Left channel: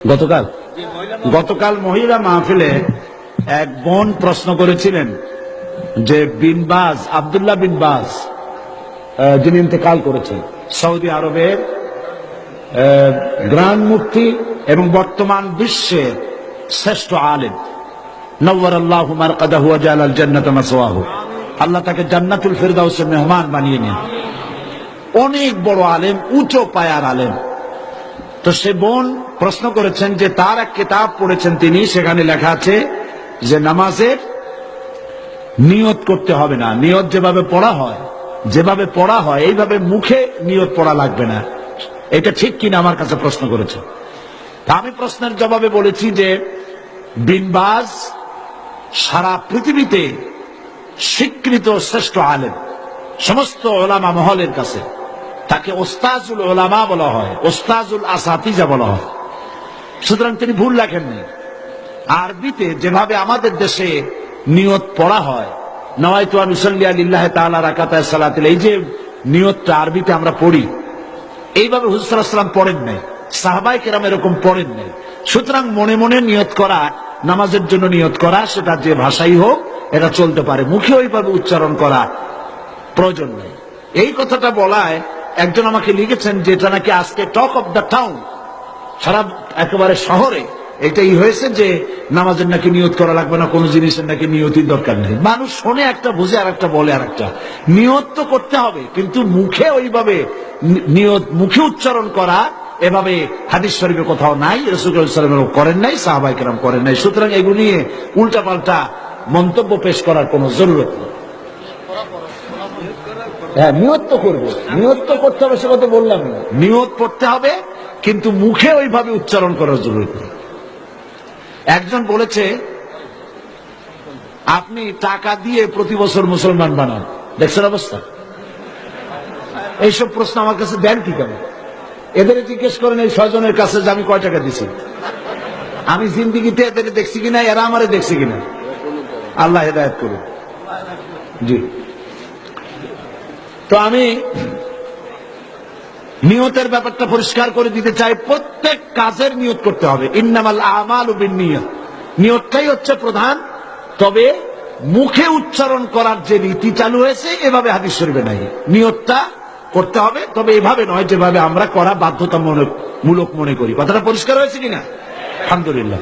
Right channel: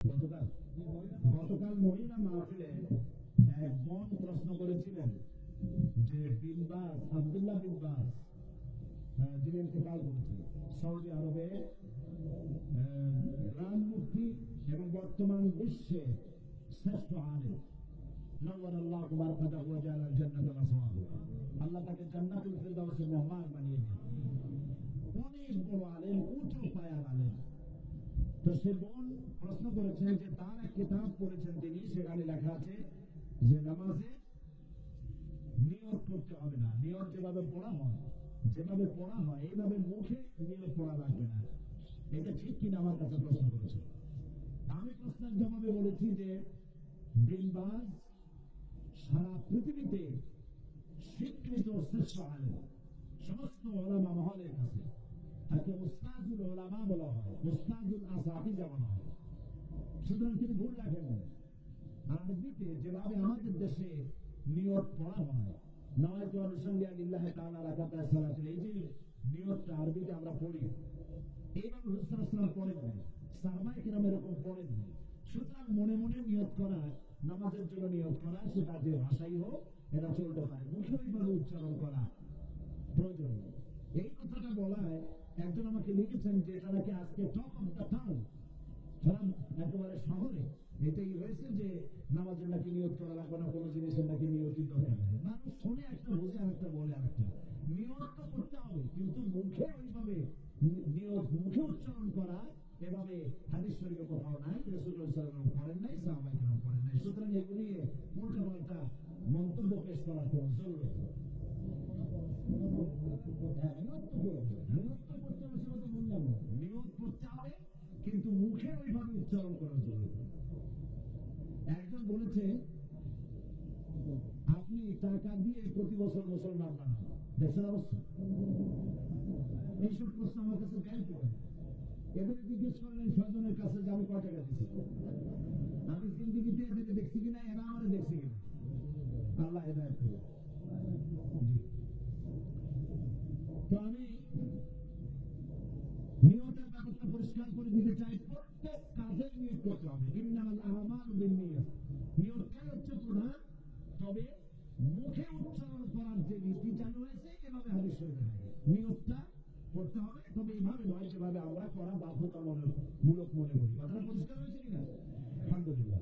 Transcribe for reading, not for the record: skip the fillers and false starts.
গতকাল গতকাল মহিলা মাহফিলে এক বোন প্রশ্ন করেছিলেন যে বিন বাজ, আব্দুল্লাহ বিন বাজ, যিনি ইন্তেকাল করেছেন, সৌদি আরবের গ্রান্ড মুফতি এবং বর্তমান বিশ্বের শ্রেষ্ঠ আলেম, নওয়ারাল্লাহু মারকাদাহু ওয়া জাআলাল জান্নাতা মাসওয়াহু, আল্লাহ তাকে জান্নাতুল ফিরদাউসের মেহমান বানিয়ে নেন। অনেক বড় আলেম, উঁচু পায়ার আলেম। তো সে বোন প্রশ্ন করেছেন যে তার এক কিতাব পড়েছেন তিনি, সেখানে লেখা আছে যে নামাজের নিয়ত করতে হবে না, নিয়ত যেভাবে পড়া হয় এইভাবে মুখে নিয়ত পড়া লাগবে না। এটা ঠিক কিনা আমার কাছে প্রশ্ন করেছে। আমি প্রশ্নের জবাবে বলেছি যে বিন বাজ সারা পৃথিবীতে স্বীকৃত শ্রেষ্ঠ আলেম, সমস্ত ওলামা মহলের কাছে তাকে ওস্তাজুল ওলামা বলা হয়, ওস্তাজুল আসাতিজা বলা হয়। সুতরাং তিনি ভুল লেখেননি। আরবিতে যেভাবে আমাদের দেশে নিয়ত পড়া হয়, নওয়াইতু আন উসাল্লি লিল্লাহি তাআলা রাকাতায় সালাতিল, এই যে নিয়তটা আরবিতে আমরা পড়ি, এইভাবে হুজুর সাল্লাল্লাহু আলাইহি ওয়াসাল্লাম পড়েন নাই, সাহাবায়ে কেরাম এরকম পড়েন নাই। সুতরাং মনে মনে নিয়ত করা, নামাজের জন্য নিয়ত করা, সেটা যে ভাষাই হোক এটা চলতে পারে, মুখে ওইভাবে উচ্চারণ করা প্রয়োজন নেই। এই কথাটা বলায় একজন আমাকে লিখেছেন যে এটা নাকি আজকে টক অফ দ্য টাউন, সারা একেবারে শহরে এটাই হয়েছে যে নামাজের নাকি নিয়ত করা লাগবে না, কোনো জিনিসের নাকি নিয়তির দরকার নেই। মানুষ শোনে একটা, বুঝে আর একটা, বলে আর একটা। নিয়ত তো করতে হবে, কিন্তু মুখে ওইভাবে নিয়ত, মুখে উচ্চারণ করা এভাবে হাদিস শরীফে কোথাও নাই, রাসূলুল্লাহ সাল্লাল্লাহু আলাইহি ওয়াসাল্লাম করেন নাই, সাহাবায়ে কেরাম করেন নাই। সুতরাং এগুলো নিয়ে উল্টাপাল্টা মন্তব্য পেশ করার কোনো জরুরত নেই। হ্যাঁ, নিয়ত তো করবো, নিয়ত তো করতে হবে, সেটা তো বললাম না। নিয়ত পড়তে হবে, কিন্তু মুখে ওইভাবে উচ্চারণ করার জরুরত নেই। একজন বলেছে আপনি টাকা দিয়ে প্রতি বছর মুসলমান বানান, দেখছেন অবস্থা? এইসব প্রশ্ন আমার কাছে দেন কি কেন? এদের জিজ্ঞেস করেন এই 6 জনের কাছে যে আমি কয় টাকা দিছি, আমি জিন্দিগিতে এদের দেখছি কিনা, এরা আমারে দেখছি কিনা। আল্লাহ হেদায়েত করুন। জি, তো আমি নিয়তের ব্যাপারটা পরিষ্কার করে দিতে চাই। প্রত্যেক কাজের নিয়ত করতে হবে। ইন্নামাল আমালু বিন্নিয়াত, নিয়তটাই হচ্ছে প্রধান। তবে মুখে উচ্চারণ করার যে রীতি চালু হয়েছে, এভাবে হাদিস শরীফে নাই। নিয়তটা করতে হবে, তবে এভাবে নয় যেভাবে আমরা করা বাধ্যতামূলক মনে করি। কথাটা পরিষ্কার হয়েছে কিনা? আলহামদুলিল্লাহ।